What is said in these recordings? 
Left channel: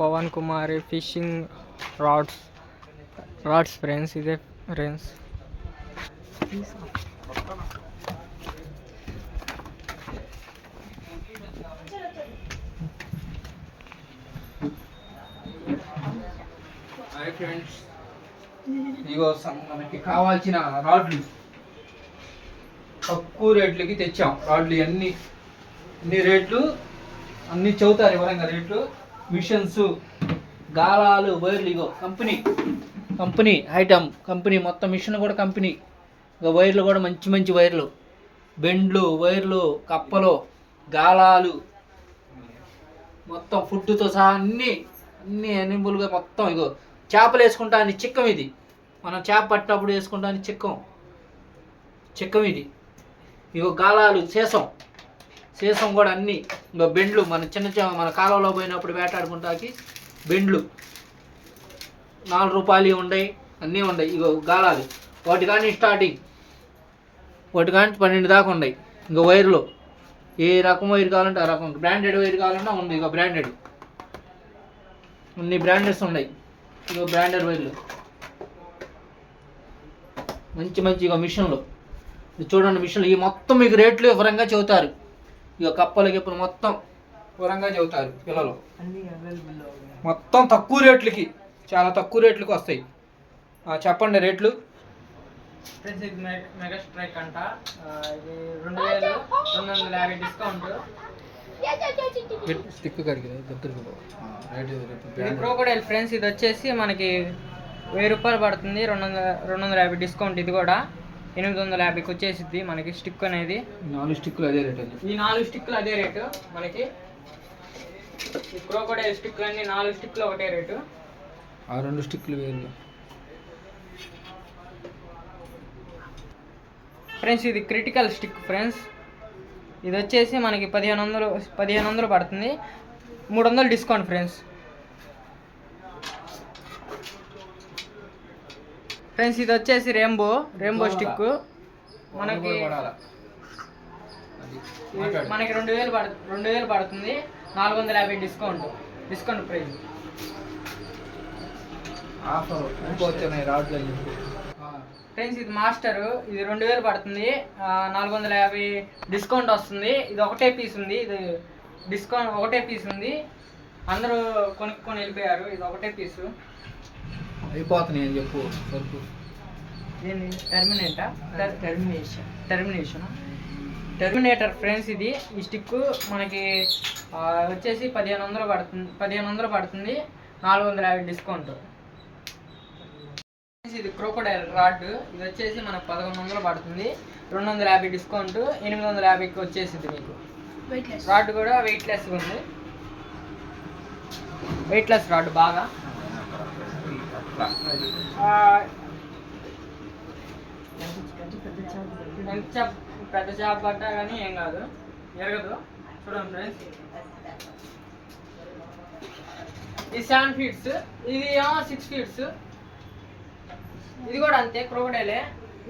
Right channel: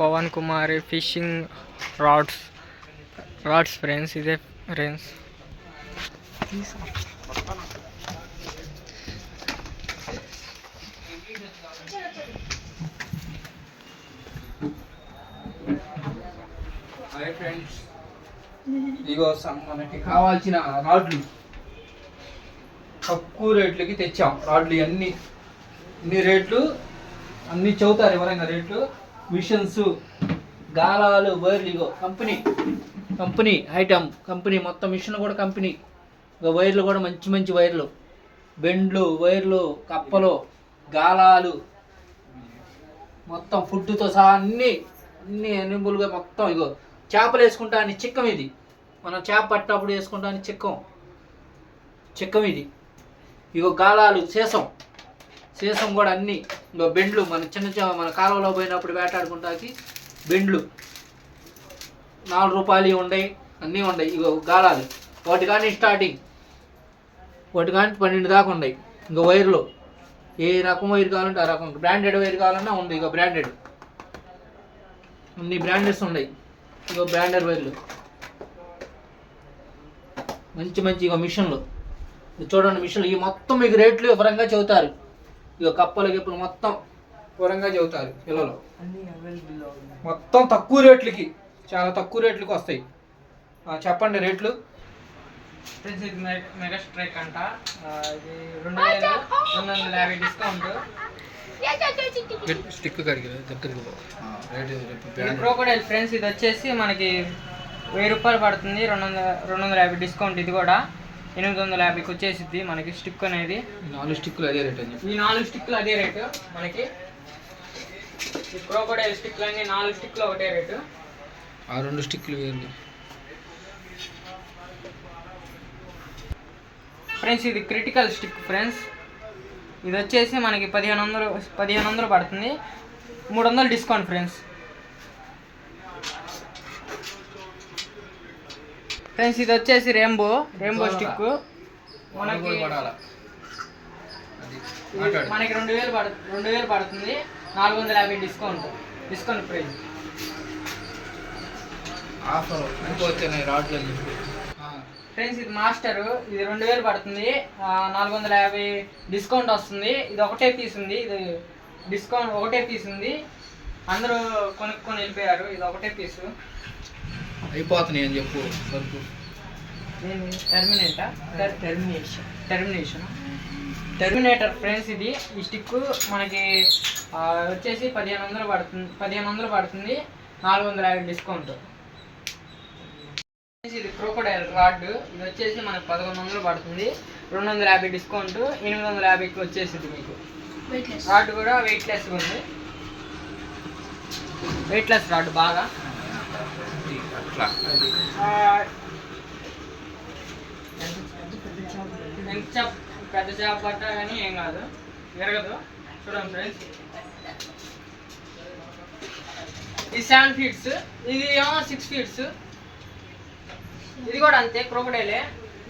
Pawan Kumar fishing rods friends. ఇదే friends. Hi friends, ఇగో మనకి కావాల్సిన రాడ్లు తక్కువ రేట్లకి తెచ్చాం. రాడ్లు అన్ని రేట్లు అన్నీ చెబుతారు ఎవరైనా రేట్లు. మిషన్స్, గాలాలు, వైర్లు, ఇగో కంపెనీ ఐటమ్, కంపెనీ మొత్తం మిషన్ కూడా కంపెనీ. ఇక వైర్లు కూడా మంచి వైర్లు, బెండ్లు, వైర్లు, కప్పలు, గాలాలు, మొత్తం ఫుడ్తో సహా అన్నీ ఎనిబుల్గా మొత్తం. ఇగో చేపలు వేసుకుంటాను చిక్కం, ఇది మనం చేప పట్టేటప్పుడు వేసుకుంటాను చిక్కం ఇది. ఇగో గాలాలు, సీసం కూడా అన్నీ. ఇంకో బెండ్లు, మన కాలువలో పోయినప్పుడు వేటాడుకుంటాకి బెండ్లు 4 రూపాయలు ఉండయి, అన్నీ ఉండయి. ఇగో గాలాలు, వాటి కానీ స్టార్టింగ్ 12 దాకా ఉన్నాయి. ఇంకో వైర్లు ఏ రకం వైర్ కావాలంటే ఆ రకం, బ్రాండెడ్ వైర్ కావాలన్నా ఉంది. ఇక బ్రాండెడ్ ఇన్ని బ్రాండెడ్స్ ఉన్నాయి. ఇగో బ్రాండెడ్ వైర్లు మంచి ఇక మిషన్లు చూడండి. మిషన్లు ఈ మొత్తం మీకు రేట్లు వివరంగా చెబుతారు. ఇక కప్పలు గిప్పలు మొత్తం వివరంగా చెబుతారు పిల్లలు. మొత్తం తక్కువ రేట్లకి, చాలా తక్కువ రేట్లకి వస్తాయి. చెప్పండి రేట్లు. ఫ్రెండ్స్ ఇది మెగా స్ట్రైక్ అంట. ఇది 2250 డిస్కౌంట్. స్టిక్ దగ్గరికి క్రోకోడైల్ ఫ్రెండ్స్. ఇది వచ్చేసి మనకి 1000 రూపాయలు పడుతుంది. 250 డిస్కౌంట్. ఇది కూడా 850కి వచ్చేసిద్ది మనకి స్టిక్ అనేది. 4 స్టిక్లు అదే రేట్. ఈ 4 స్టిక్లు అదే రేటు మనకి. ఈ క్రోకోడైల్ స్టిక్లు అన్ని 4 స్టిక్లు ఒకటే రేటు. ఆ 2 స్టిక్లు వేరు ఫ్రెండ్స్. ఇది క్రిటికల్ స్టిక్ ఫ్రెండ్స్. ఇది వచ్చేసి మనకి 1500 పడుతుంది. 300 డిస్కౌంట్ ఫ్రెండ్స్. ఇది వచ్చేసి రెయిన్బో స్టిక్. మనకి 2000 పడుతుంది. 450 డిస్కౌంట్ ప్రైస్. ఫ్రెండ్స్ ఇది మాస్టర్. ఇది 2000 పడుతుంది. 450 డిస్కౌంట్ వస్తుంది. ఇది ఒకటే పీస్ ఉంది. ఇది డిస్కౌంట్ ఒకటే పీస్ ఉంది. అందరూ కొనుక్కొని వెళ్ళిపోయారు. ఇది ఒకటే పీసు అయిపోతున్నాయి అని చెప్పు. Terminator friends. ఇది ఈ స్టిక్ మనకి వచ్చేసి 1500 పడుతుంది. 450 డిస్కౌంట్. ఇది క్రోకోడైల్ రాడ్. ఇది వచ్చేసి మనకి 1100 పడుతుంది. 250 డిస్కౌంట్. 850కి వచ్చేసింది మీకు. రాడ్ కూడా వెయిట్లెస్గా ఉంది. వెయిట్లెస్ రాడ్ బాగా. పెద్ద చేప పడ్డా కానీ ఏం కాదు, ఎరగదు. చూడండి ఫ్రెండ్స్. ఇది 7 ఫీట్స్. ఇది 6 ఫీట్స్. ఇది కూడా అంతే క్రోకోడైలే.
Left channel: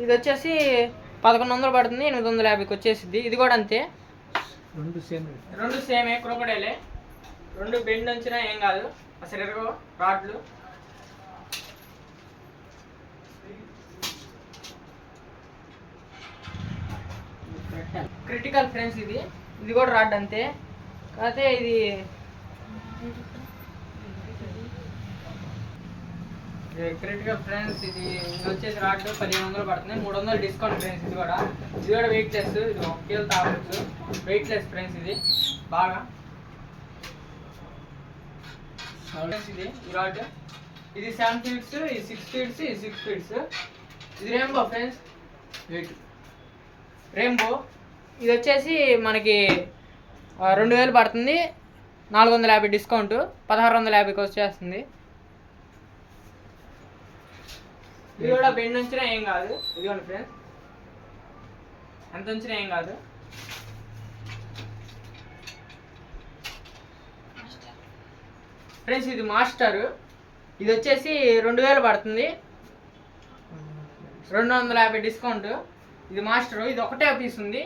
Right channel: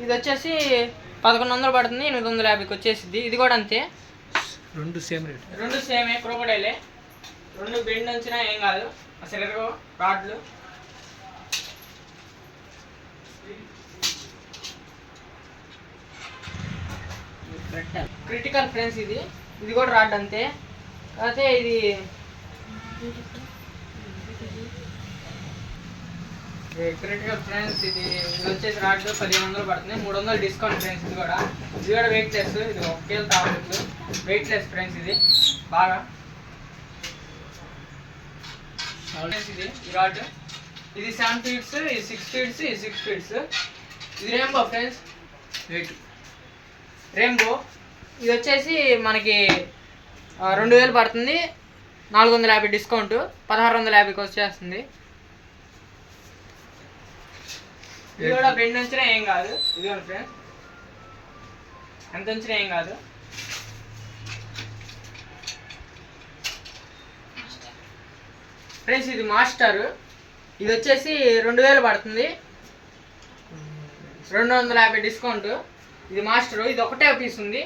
ఇది వచ్చేసి 1100 పడుతుంది. 850కి వచ్చేసిద్ది. ఇది కూడా అంతే. 2 సేమ్ రేట్. 2 సేమే క్రోకోడైలే. 2 బెండ్ వచ్చినా ఏం కాదు. అసలు ఎరగవు రాడ్లు. Critical friends. ఇది కూడా రాడ్ అంతే. కాకపోతే ఇది క్రిటికల్ ఫ్రెండ్స్. ఇది వచ్చేసి రాడ్ 1500 పడుతుంది. 300 డిస్కౌంట్ ఫ్రెండ్స్. ఇది కూడా వెయిట్లెస్. ఇది 1 కేజీ తాగొచ్చు. Weightless friends. ఇది బాగా. ఇది ఈ రాడ్. ఇది 7 ఫీట్స్. ఇది 6 ఫీట్స్. ఇది 6 ఫీట్స్. ఇది రెయిన్బో ఫ్రెండ్స్. రెయిన్బో. ఇది వచ్చేసి మనకి 2000 పడుతుంది. 450 డిస్కౌంట్. 1650కి వచ్చేస్తుంది. ఇది కూడా బెండ్ ఉంచినా ఏం కాదు. ఇదిగోండి ఫ్రెండ్స్, ఎంత ఉంచినా ఏం కాదు. ఫ్రెండ్స్ ఇది మాస్టర్. ఇది వచ్చేసి 2000 పడుతుంది. 250 డిస్కౌంట్. ఇది మాస్టర్. ఇది ఒకటే పీస్ ఉంది.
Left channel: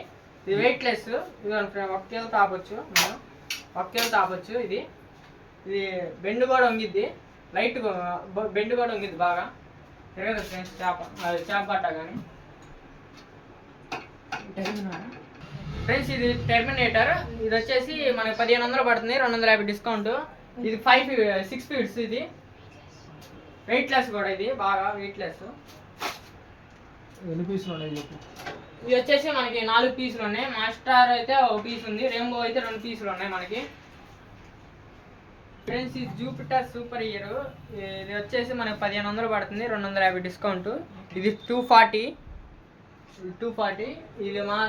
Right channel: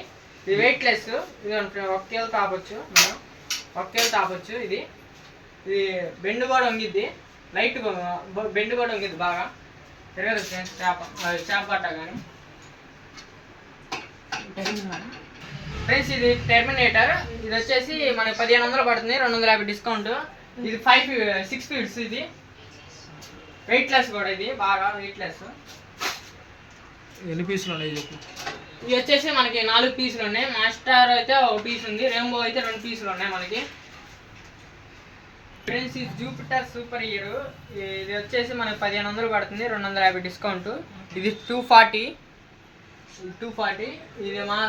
ఇది వెయిట్లెస్. ఇది 1 కేజీ తాపొచ్చు. మనం 1 కేజీ తాపొచ్చు. ఇది ఇది బెండ్ కూడా వంగిద్ది, లైట్ బెండ్ కూడా వంగిద్ది బాగా. తిరగదు ఫ్రెండ్స్ చేప పట్ట కానీ. ఫ్రెండ్స్ ఇది టెర్మినేటర్, ఇది వచ్చేసి మనకి 1500 పడుతుంది, 250 డిస్కౌంట్. ఇది 6 ఫీట్స్, ఇది వెయిట్లెస్ కూడా, ఇది బాగా వెయిట్లెస్. ఎన్ని పీసులు ఉన్నాయి చెప్పు. ఇవి వచ్చేసి మనకి 4 పీసులు ఉన్నాయి. మాస్టర్ అయితే 1 పీస్ ఉంది, రెయిన్బో అయితే 2 పీసులు ఉన్నాయి మనకి. ఫ్రెండ్స్ ఇది జూపిటర్ సూపర్ హీరో, ఇది వచ్చేసి మనకి 1500 పడుతుంది, 250 డిస్కౌంట్. ఇది 240, ఇది మా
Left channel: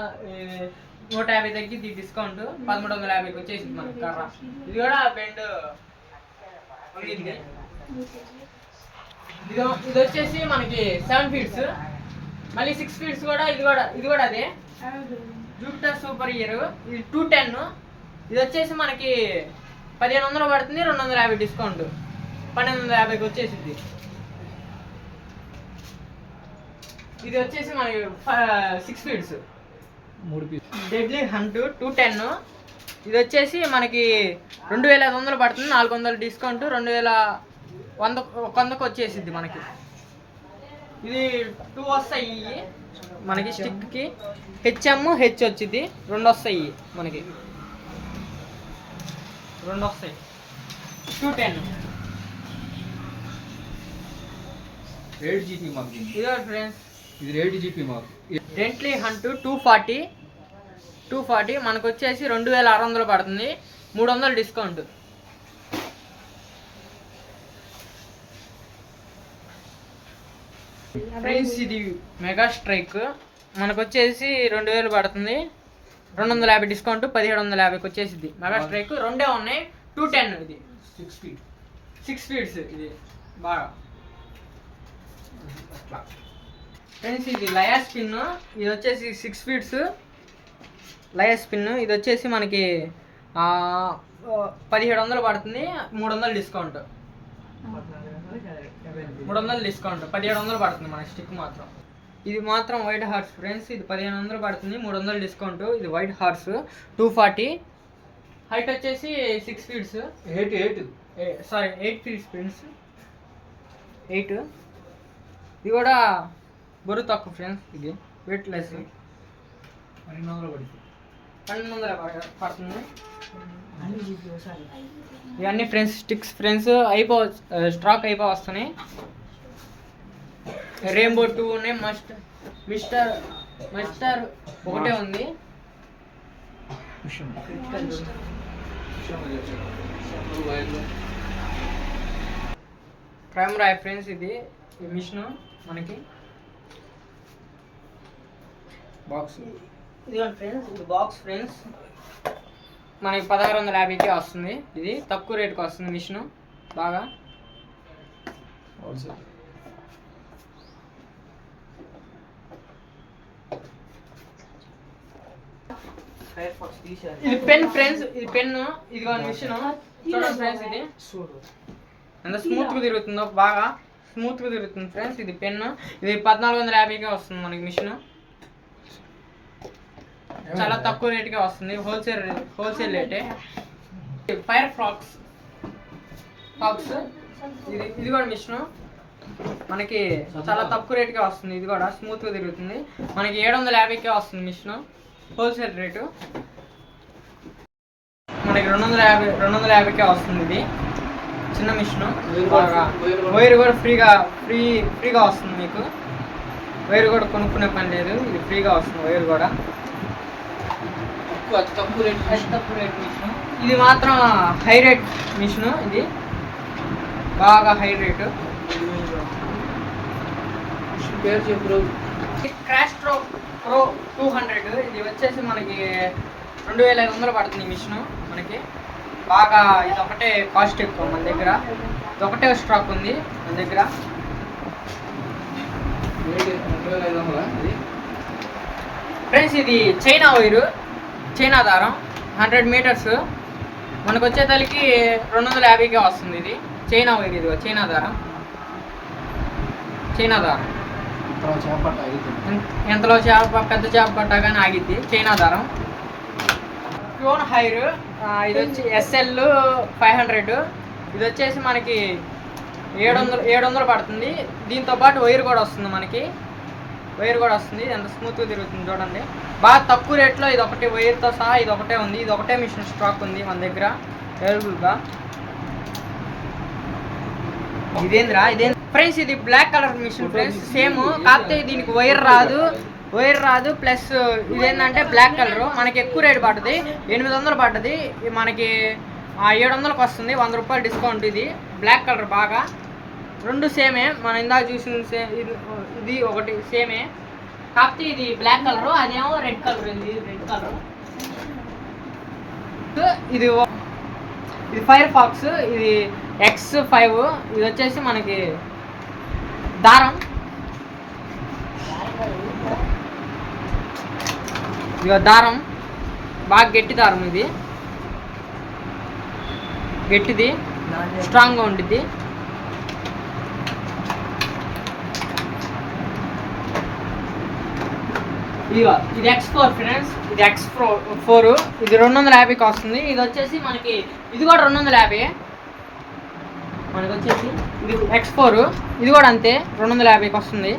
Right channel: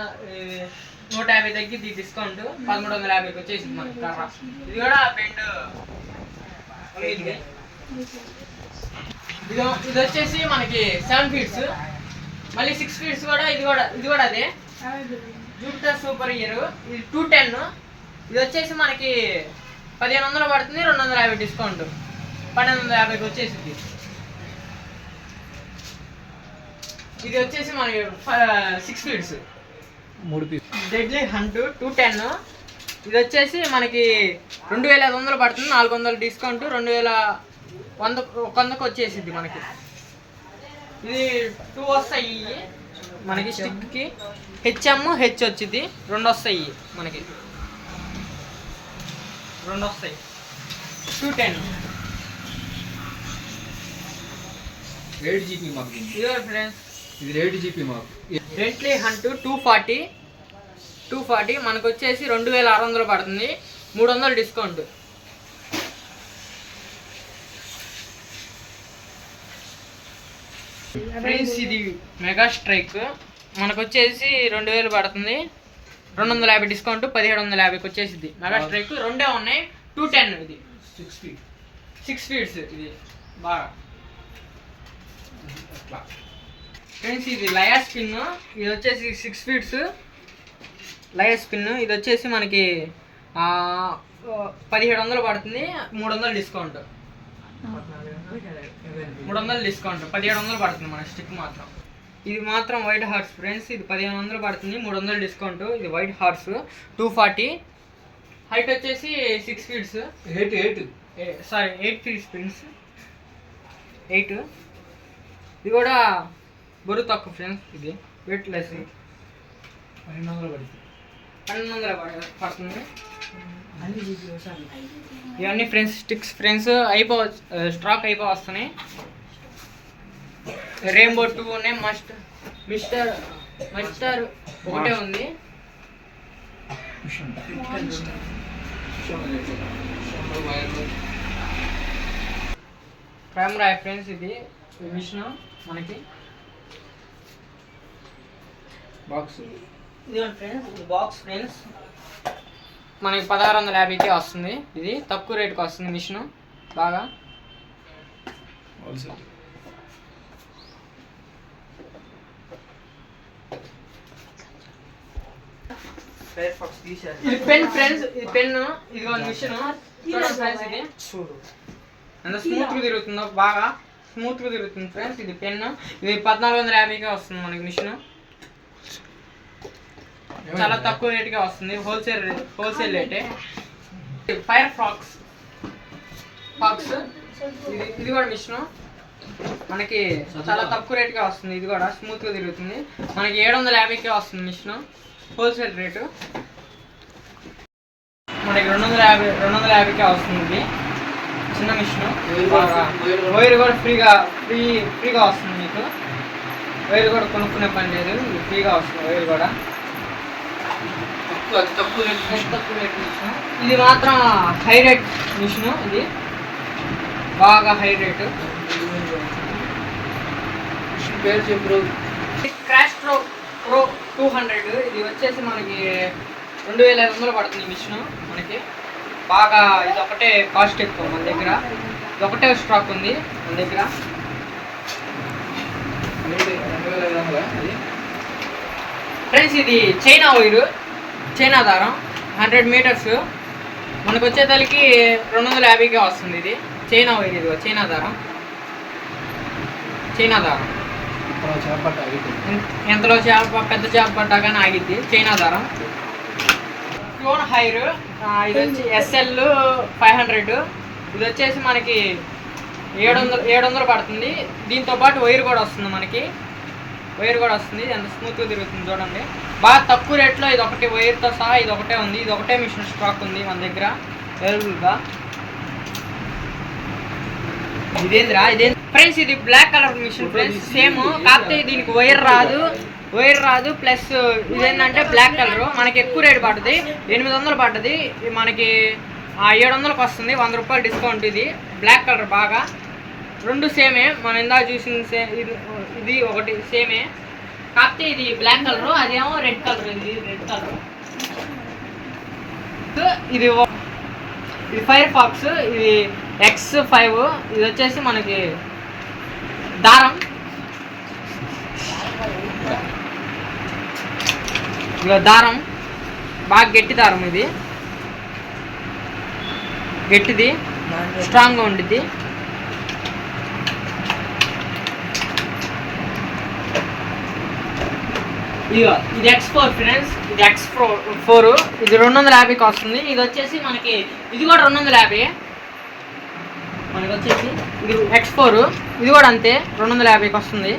150 తగ్గిద్ది డిస్కౌంట్, 1350కి వచ్చేసింది మనకి కర్ర. ఇది కూడా బెండ్ ఇది వచ్చేసి మనకి 7 ఫీట్స్, మళ్ళీ 6 ఫీట్స్ కూడా. ఇది కూడా అదే జూపిటర్ సూపర్ హీరో. ఇది 210, ఇది వచ్చేసి మనకి 1500 పడుతుంది, 250 డిస్కౌంట్, 1250కి వచ్చేసింది. ఇది వచ్చేసి మనకి 6 ఫీట్స్, 3 పీస్. డెడ్లీ హంట్ 210, ఇది వచ్చేసి మనకి 2500 పడుతుంది, 400 డిస్కౌంట్, 2100కి వచ్చేసింది మనకి. ఇది 2 వస్తాయి మనకి స్టిక్కి, హెచ్ఎం హెచ్ వచ్చింది, 2 వస్తాయి మనకి, 2 వస్తాయి. 210 8 జీపీ మాకు. ఇదే ఫ్రెండ్స్, ఇది 8 జీపీ మాకు. డెంట్లీ హంట్ 240 మనకు వచ్చేసి 2600 పడుతుంది, 300 డిస్కౌంట్. ఫ్రెండ్స్ ఇది మెగా స్ట్రైక్, మనకు వచ్చేసి 2000 పడుతుంది, 250 డిస్కౌంట్, 1750కి వచ్చేసింది. మెగా స్ట్రైక్ 2 ఉన్నాయి, 210. ఇది 6 ఫీట్స్, ఇది బాగా. ఫ్రెండ్స్ ఇది లయా స్పిన్, ఇది వచ్చేసి 6 ఫీట్స్ లయా స్పిన్. ఇది వచ్చేసి మనకి 1700 పడుతుంది, 300 డిస్కౌంట్, 300 డిస్కౌంట్, 1700 పడుతుంది మన స్టిక్ మాత్రం. ఇది మాత్రం వైట్ హార్స్ ఫ్రెండ్స్, ఇది 1500 పడుతుంది, 300 డిస్కౌంట్. ఇది వైట్ హార్స్ 240, హైట్ వచ్చేసి 6 ఫీట్స్, 8 ఫీట్స్ ఫ్రెండ్స్, 8. ఇది కూడా బరువు తక్కువ ఫ్రెండ్స్, ఇది వెయిట్ లెస్, 1200 పడుతుంది. ఇవన్నీ ఫ్రెండ్స్ స్టిక్స్ ఫ్రెండ్స్, స్టాక్ వస్తున్నాయి. రెయిన్బో 2 ఉన్నాయి, మిస్టర్ ఒకటే ఉంది. ప్రైమ్ రాయ్ ఫ్రెండ్స్, ఇది మిషన్ మనకి బాక్స్. ఇదిగోండి ఫ్రెండ్స్, ఇది బాక్స్ ఫ్రెండ్స్, మనకి 1650కి వస్తుంది. ఇది తక్కువ రేట్కి వస్తుంది మిషన్ బాగా. ఇది పెన్ ఫ్రెండ్స్, ఇది పెన్, ఇది మిషన్ చూడండి ఫ్రెండ్స్, ఇది అంత స్మూత్గా తిరుగుతుందో, బాగా స్మూత్గా తిరుగుతుంది ఫ్రెండ్స్. ఇది పెన్, ఇది 1450కే వస్తుంది మనకి మిషన్, చాలా తక్కువ రేట్గా వస్తుంది, హోల్సేల్ రేటే. ఫైర్ ఫాక్స్, ఇది కూడా మిషన్ మనకి చాలా తక్కువ రేట్గా వస్తుంది. ఇది కూడా స్మూత్గా తిరుగుతుంది, మనకి 750కే వస్తుంది మిషన్, హోల్సేల్ రేటు. మనకి 250కే వస్తుంది. ఇది చిన్న మిషన్, వైర్ కూడా ఫ్రీగా వస్తుంది మీకు. వైర్ కూడా కొనుక్కునే పని లేదు, ఫ్రీగా వస్తుంది వైర్ కూడా. తక్కువ రేట్ మిషన్. ఇది మాత్రం హై రేట్ మిషన్, ఇది బాగా హై రేటు. పేరు చెప్పు. క్రాష్ ప్రో 200, ఇది వచ్చేసి మనకి 2500 పడుతుంది మిషన్ మనకి. బాగా ఇది ఒకటే కాస్ట్ ఎక్కువ మన దగ్గర, ఇది ఒకటే స్టాక్ ఉంది మన దగ్గర. ఫ్రెండ్స్ ఇది చైనా దారం 100 మీటర్స్, మనకు వచ్చేసరికి 250కే వస్తుంది. ఇది చైనా వైర్, ఇది చైనా దారం. ఎంతలో పెద్ద చేప పట్టా కానీ ఆగిద్ది, చైనా దారం. క్లోన్ హైర్, ఇది వచ్చి SL 500, ఇది వచ్చేసి మనకి 700 పడుతుంది. దీంతో పాటు వైర్ కూడా వస్తుంది మనకి. వైర్ కూడా వస్తుంది, ఎంత స్మూత్గా తిరుగుతుంది చూడండి. బాగా తక్కువ రేట్లో ఇది ఒకటి వైర్తో సహా ఇది ఒకటే ఉంది. ఇది ఒకటే మిషన్ స్టాక్ ఉంది మన దగ్గర అవైలబుల్గా. ఇదేంద్రా ఫ్రెండ్స్, ఇది black colour machine friends, same. కాకపోతే దీనికి వైర్ రాదు ప్లస్ ఇదేంటంటే బ్లాక్ కలర్. మనకి ఎక్కువ రేట్ పడుతుంది, 800 పడుతుంది. మనకి 700కి వస్తుంది, 100 రూపాయలు డిస్కౌంట్. ఇది బ్లాక్ కలర్ బాగా. రెండు సేమే, మనం ఇందాక చూసిన ఇది ఒకటి సేమే, కాకపోతే ఇది బ్లాక్ కలర్, అదేమో రెడ్ కలర్. ఇది రెడ్ కలర్. ఇది ఫైర్ ఫాక్స్, ఇది X5. ఇది వచ్చేసి మనకి దారం. ఇక దారం బాగా గట్టి దారం, ఇది గట్టిది, స్ట్రాంగ్గా ఉండిద్ది. ఇది X4 ఫ్రెండ్స్, ఇది X4. ఇది 250కి వస్తుంది. ఇది వచ్చేసి మనకి ఇది కూడా 250. మనకి వచ్చేసి ఇది X4, ఇది కూడా అంతే 250కి వస్తుంది.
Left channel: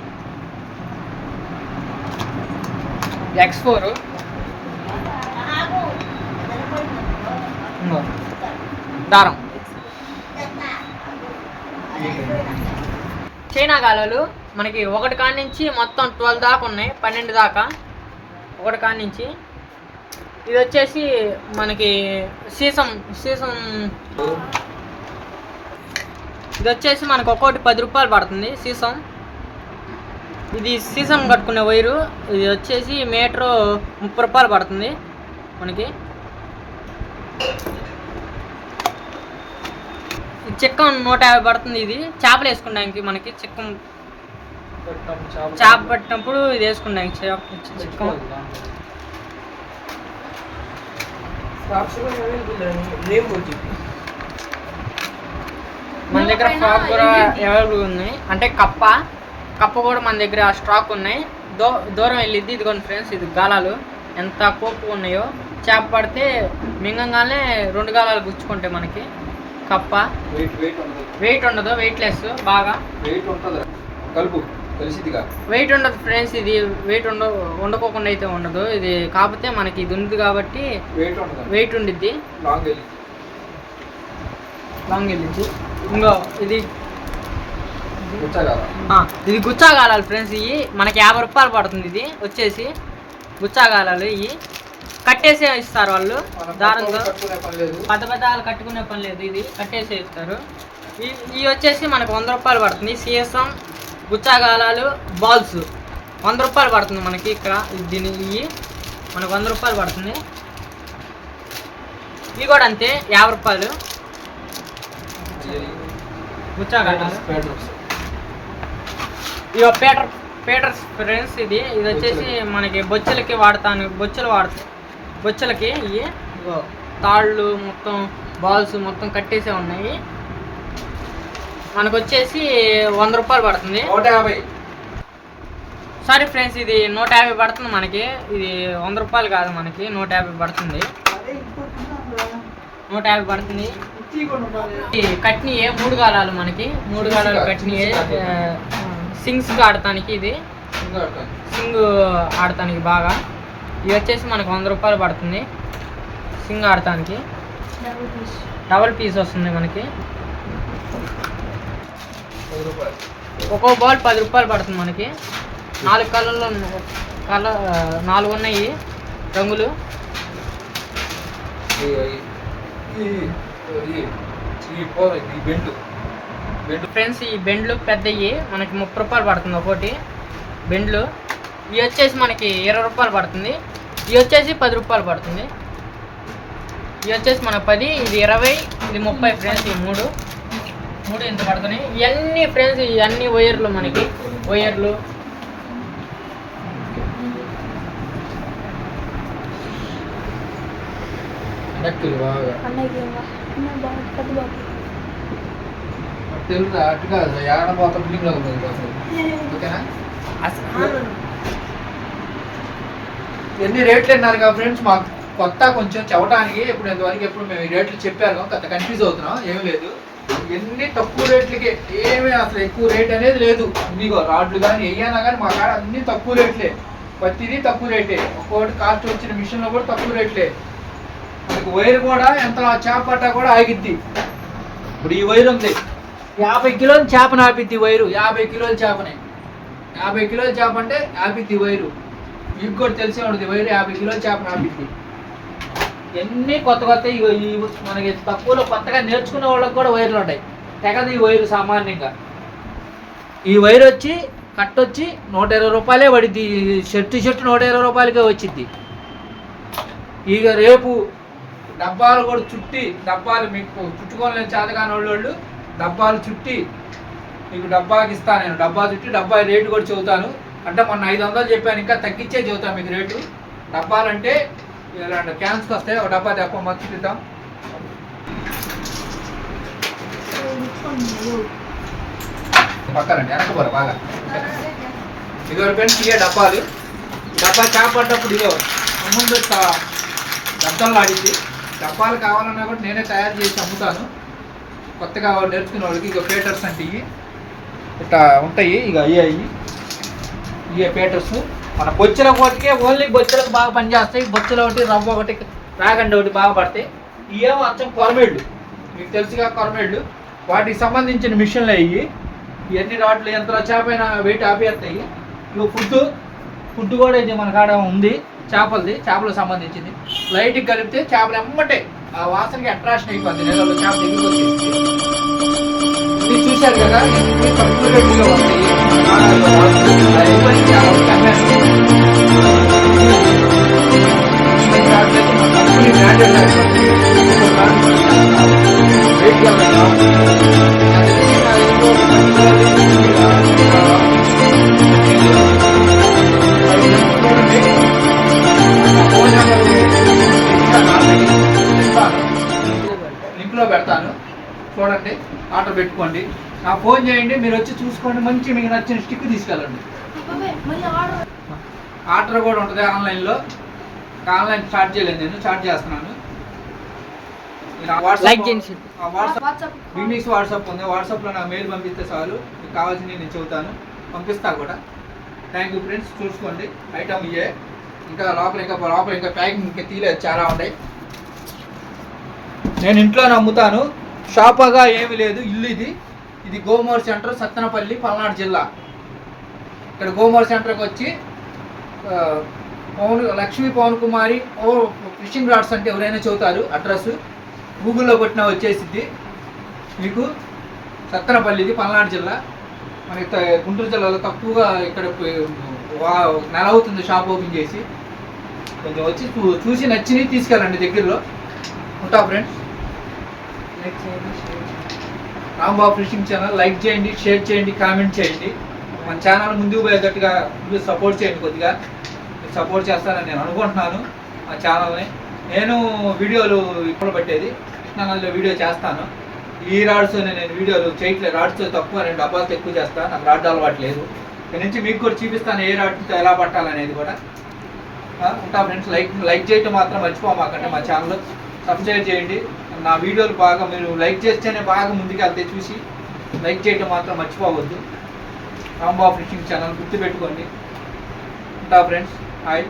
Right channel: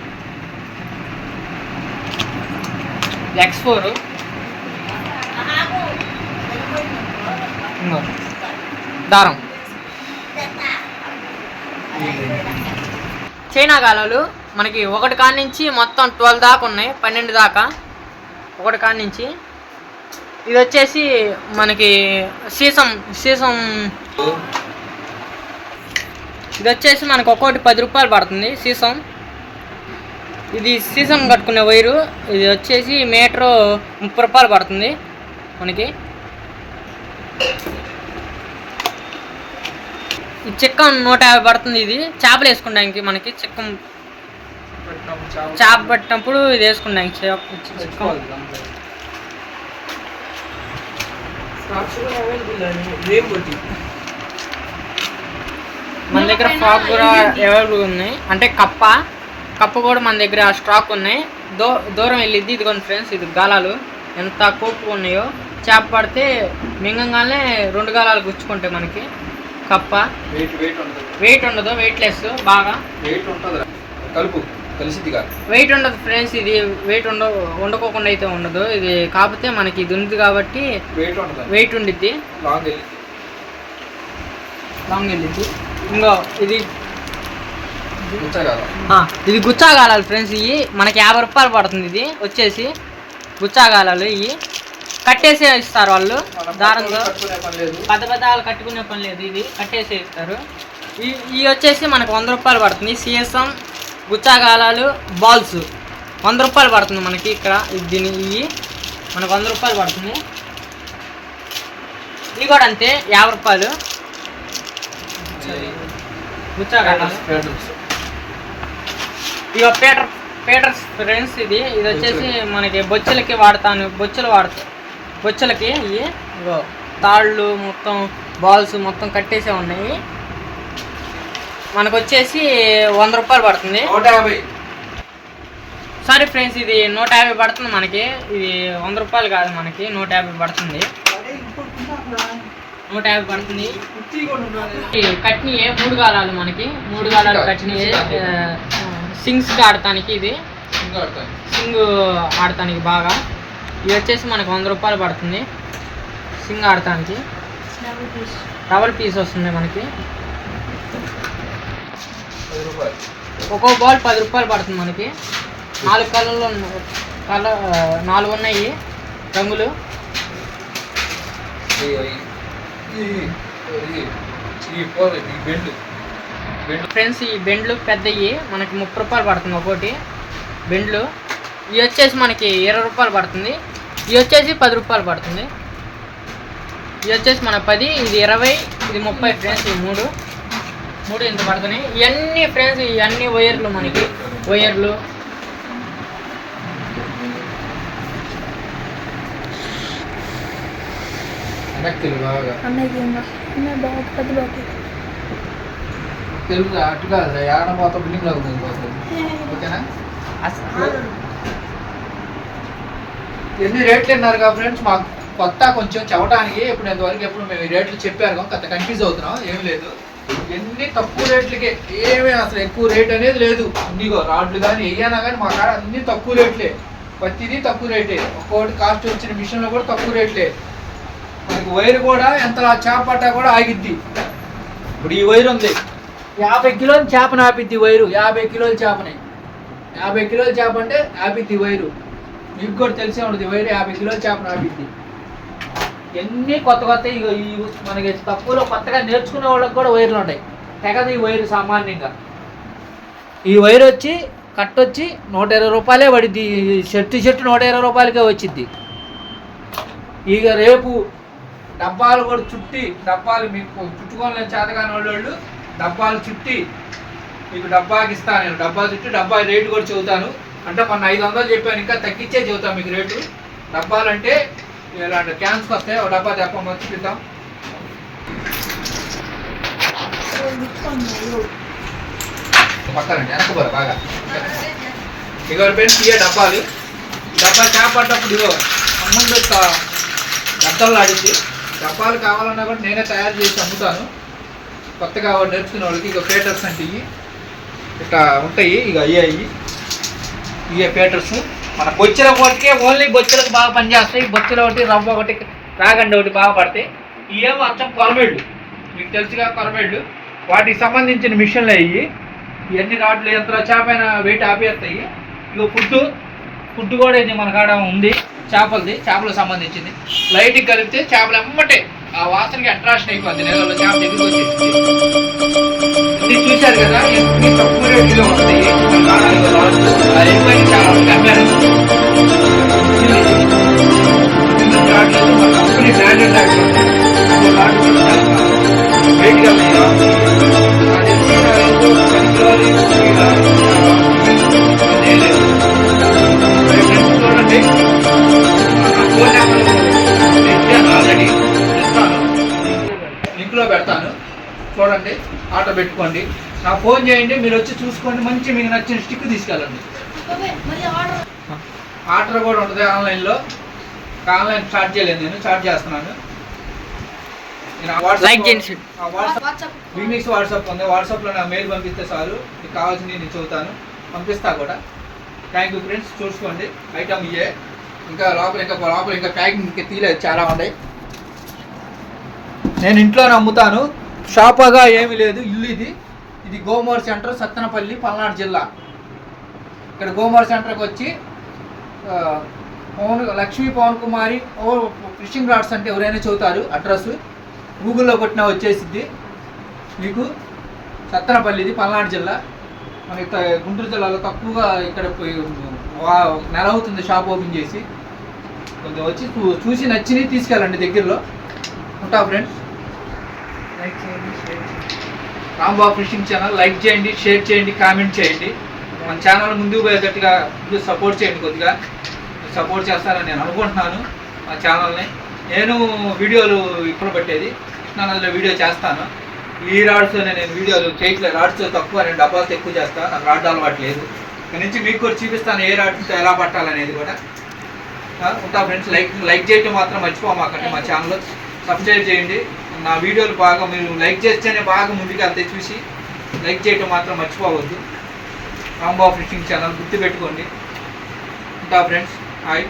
X4 దారం. చైనా గాలాలు మనకి ఒకటి కాడ నుంచి మొత్తం 12 దాకా ఉన్నాయి, 12 దాకా ఒకటి కాడ నుంచి. ఇది వచ్చేసి మనకి సీసం. ఇది వచ్చేసి మనకు ఒక్కొక్కటి 10 రూపాయలు పడుతుంది సీసం. ఇది సీసం కట్టుకునే వైరు. ఇది వచ్చేసి మీటరు 30 రూపాయలు పడుతుంది మనకి. ఈ చిక్కం 150 పడుతుంది. ఇది చేపలు వేసుకుంటానికి మనకి. చిక్కం చేప పట్టినప్పుడు ఇది వేసుకుంటాం చిక్కం. మన దగ్గర ఫ్రాక్ కూడా అవైలబుల్ ఉన్నాయి, అంటే కప్ప కూడా మన దగ్గర స్టాక్ ఉన్నాయి. దూరం వెళ్ళిద్ది. ఇదిగోండి ఫ్రెండ్స్, ఇది గాలాలు ఎంత కోపు ఉన్నాయో. చేప పడితే మింగంగానే 2 గాలాలు గుచ్చుకుంటాయి మనకి. కప్ప వెయిట్ ఉండదు, వెయిట్లెస్, బాగా వెయిట్ ఉండదు ఫ్రెండ్స్. ఇది వెయిట్ వండుకోకుండా అయితే ఉండదు ఇది. కాకపోతే మనకి ఇది ఉంది కాబట్టి వెయిట్ ఉండిద్ది, లాంగ్ వెళ్ళిద్ది. ఇంకో ఇది గుచ్చాగాలాలు ఫ్రెండ్స్. ఇవి మనకి 50 రూపాయలు పడుతుంది. ఇది వచ్చేసి గుచ్చాగాలాలు. ఇవి కట్టేసే ఇస్తారు వాళ్ళు దారంతో. పెద్ద కట్టుకునే పని లేదు, ఇది కట్టేసే ఇస్తారు. ఇవి వచ్చేసి మనకు 100 రూపాయలు పడుతుంది. సీసం, గుచ్చాగాలాలు, బాల్స్ 100 రూపాయలు పడుతుంది మనకి ఇక్కడ. ఇవి మనకు 100 రూపాయలు పడుతుంది. ఇవి కూడా అంతే 50 రూపాయలు గుచ్చాగాలాలు. ఇక పేటర్స్ ఫ్రెండ్స్. ఇది వచ్చేసి మనకి బొచ్చెలకి వాడతాను. బొచ్చెలకి ఇవి తాళ్ళు మొత్తం బాల్స్ మొత్తం కట్టేసే ఉన్నాయి. మనకు వచ్చేసి 100 రూపాయలు పడుతుంది. 150. సారీ ఫ్రెండ్స్, ఇది 150 పడుతుంది మనకి. ఇది 100 రూపాయలు కాదు మనకి, 150 పడుతుంది. 150 పడుతుంది. కట్నీయే 3 గాలాలు మనకి. 3 గాలాలు కట్నీయే. సింగ్స్ ఆడటానికి, ఇది సింగ్ ఆడటానికి బాగా. ఇది వచ్చేసి మనకు 100 రూపాయలు పడుతుంది సింగ్ ఆడటానికి. డబల్ పీస్ వస్తుంది మనకి. ఒక్కో బాల్ 10 రూపాయలు పడుతుంది మనకి. 4 కలర్లు 4 ఉన్నాయి రంగులు. ఫ్రెండ్స్, ఈ బెండ్లు పెద్దవి మనకి 30 రూపాయలు పడుతుంది ఒకటి బెండ్లు. ఇవి వచ్చేసి మనకి 20 రూపాయలు పడుతుంది. ఇవి వచ్చేసి 10 రూపాయలు పడుతుంది. ఇవి వచ్చేసి మన 10, ఇది 20, ఇది 30 ఫ్రెండ్స్. ఈ మూడు ఇంత పడుతున్నాయి. ఇవన్నీ ఫ్రెండ్స్, ఇవన్నీ వైర్లు మనకి. వైర్లు తెలుగు అటు కాదు, ఏడ మొత్తం బిల్డింగ్ లాగా ఉంది. ఓకేనా? ఎన్ని రేట్లు అన్నారు కదా ఫ్రెండ్స్, మాకు కొత్త కొంచెం చెప్పడానికి. ఇప్పుడు ఇంతవరకు ఎప్పుడు మేము ఈ రేట్లు చెప్పారు, కొత్త కన్ఫ్యూజ్ అవుతున్నాం. ఏమీ లేదు, ఇవన్నీ తక్కువ రేట్లకే, ఏమీ అసలు ఎక్కువ రేట్ అనేది లేదు. ఇదిగో రాడ్లు కానీ ఏమైనా కానీ మా కాడ అన్నీ తక్కువ రేట్లే, ప్రతిదీ తక్కువ రేటే. ఒక్కొక్కటి కాస్ట్ వచ్చిన మిషన్లో కూడా తక్కువ రేట్లే. మనకి వైర్ కూడా ఎంత చేపట్ట కూడా ఆగిద్ది. ఇప్పుడు ఈ వైర్ ఉంది, 50 కిలోల చేపను ఆపిద్ది వైరు. 50 కిలోల చేపని, 50 కిలోల చేప అంటే ఆపిద్ది వైరు. మీకు కూడా తెలిసే ఉంటుంది, వైరు 50 కిలోల చేపను ఆపిద్ది. ఎన్ని కొత్త కొత్త ఈ మనకి తక్కువలో కొత్తగా నేర్చుకునే వాళ్ళకి కూడా వైర్లు ఉంటాయి. తెగదు ఈ వైరు సామాన్యంగా. ఈ వైర్ వచ్చి కట్ వచ్చి 120 రూపాయలే పడిద్ది. షర్టు 120 రూపాయలకే వచ్చిద్ది. ఇక రేపు డబ్బాలు కూడా చుట్టి, డబ్బాలు మీకు చుట్టుకోలేని చేతగాని వాళ్ళు డబ్బాలు చుట్టి మీకు డబ్బాకి ఇస్తాను నేను. డబ్బా చుట్టి డబ్బా రేటు కూడా చెబుతాను. అంటే మొన్న 500 చెప్పాను, ఇంకా తగ్గించే చెబుతాను మీకు రేటు. డబ్బాలంటే ఇలాంటి క్యాన్స్కి వస్తాయి. ఒక డబ్బా తెప్ప మర్చిపిద్దాం. పక్కనండి వెనకపోరు బాగా. ఇగో ఫ్రెండ్స్ ఇవే డబ్బాలు. డబ్బా చేపట్టేటప్పుడు ఇగో ముందు డబ్బాలు ఆడింది. డబ్బాలు కావాలన్నా కూడా నేనే తయారు చేసి అమ్ముతాను కొత్తగా నేర్చుకునే వాళ్ళకి. ఇక పేటర్స్ అంటే ఇవి ఇట్లా ఉంటాయి. ఇక అయ్యాయి ఇవే పేటర్స్. మన బొచ్చెల ఒకటికే ఓన్లీ బొచ్చెలకు బాగా పనిచేస్తాయి. బొచ్చెలు ఒకటి, రవ్వ ఒకటి, రాగండి ఒకటి బాగా పడతాయి. ఇవేమో అచ్చం కొరమేళ్ళు, మీకు తెలుసుగా కొరమేళ్ళు. వాటికి సంబంధించిన మిషన్లు అయ్యి ఇవన్నీ రాడ్లు ఎంత చేపైన వెయిట్ ఆపేస్తాయి. ఇక ఫుడ్ కూడా ఇది మన కాడ ఉంది, చేపలకు సంబంధించింది. లైట్కి కలిపితే చేపలు ఎమ్మటే ఆ వాసనకి అట్రాక్షన్ అయిపోద్ది. నెలలో చేప దగ్గరికి వచ్చేసి ఇది చూశారు కదా, ఎన్ని తక్కువ రేట్లో వస్తాయి మన కాడ. అది అయిపోయింది, చాలా వరకు అమ్మారు. రాడ్లు అయితే మన కంపెనీ బ్రాండెడ్ రాడ్లు ఉంటాయి. రాడ్లు కూడా చాలా వెయిట్గా ఉన్నాయి. చూడండి, ఫోన్ నెంబర్ ఆల్రెడీ ఇస్తాను, లింక్లో పెడతాను. చూడండి, ఆర్డర్ పెట్టుకోండి, నాకు ఫోన్ చేయండి. మీరు వచ్చి చూసుకోండి, మంచి మీకు నచ్చిన స్టిక్ తీసుకెళ్ళండి. ఆర్డర్ కూడా ఉంటుంది ఆన్లైన్లో. ఆన్లైన్ స్టార్ట్ చేయలేదు, నేను స్టార్ట్ చేస్తున్నాను. వీక్నీస్ వాట్సాప్ ఉంది, వాట్సాప్లో నా మెయిల్ పంపిస్తే చాలు, మీకు కావాల్సింది నేను చెబుతాను, పంపిస్తా కూడా. థ్యాంక్ యూ ఫ్రెండ్స్, చూసుకోండి. ఐటమ్ ఇయే, ఇంకా లోపల ఇంకా ప్యాకింగ్ ఇంకా తీయలేదు, చాలా ఉన్నాయి. నేను ఇంట్లోనే అమ్ముతాను, షాప్గా ఏమీ లేదు. ఇల్లు ఇది గోమూర్ సెంటర్, సత్తెనపల్లి, పల్నాడు జిల్లా. ఇక్కడ గోమూర్ సెంటర్కి వచ్చి లక్ష్మీ పవన్ కుమారి ఫిషింగ్ రాడ్స్ అంటే ఎవరైనా చెబుతారు అడ్రస్, గూగుల్లో కొట్టినా వచ్చేసిద్ది మీకు. సత్తెనపల్లిది, పల్నాడు జిల్లా. మనకి గుంటూరు జిల్లాలో తక్కువగా ఇక్కడ నెల అవుతుంది షాప్ ఓపెన్ చేసి. కొంచెం వచ్చి చూసి నచ్చినవి తీసుకెళ్ళండి దగ్గరలో. ఉంటా friends. Rambabu fishing channel like చేయండి, షేర్ చేయండి, కామెంట్ చేయండి. మన ఛానల్ ముందుకు పోయేటట్టుగా సపోర్ట్ చేయండి. కొద్దిగా సపోర్ట్ చేస్తారని నేను అనుకుంటున్నాను మా ఛానల్ని. నేను వీడియోలు ఇప్పుడు పెట్టేది కృష్ణానదిలో వీడియో చేస్తాను. ఈ రాడ్స్తో నేను వీడియోలు చేయట్లేదు, రాడ్స్తో తక్కువ, నేను డబ్బాలతో ఎక్కువ చేస్తాను. నాకు రాడ్ అలవాటు లేదు. ఇక్కడ నుంచి మీకు కూడా చూపిస్తాను ఏ రాడ్తో ఎలా పట్టాలనేది కూడా. ఉంటా ఫ్రెండ్స్. లైక్ చేయటం మాత్రం మర్చిపోమాకండి. మా ఛానల్ సబ్స్క్రైబ్ చేయండి. నా వీడియోలు బాగా మీరు లైక్ చేస్తేనే బాగా ముందుకు వెళ్తాయి. చూసి లైక్ చేయటం మాత్రం మర్చిపోవద్దు. రాంబాబు ఫిషింగ్ ఛానల్ గుర్తుపెట్టుకోండి. ఉంటా ఫ్రెండ్స్. హాయ్.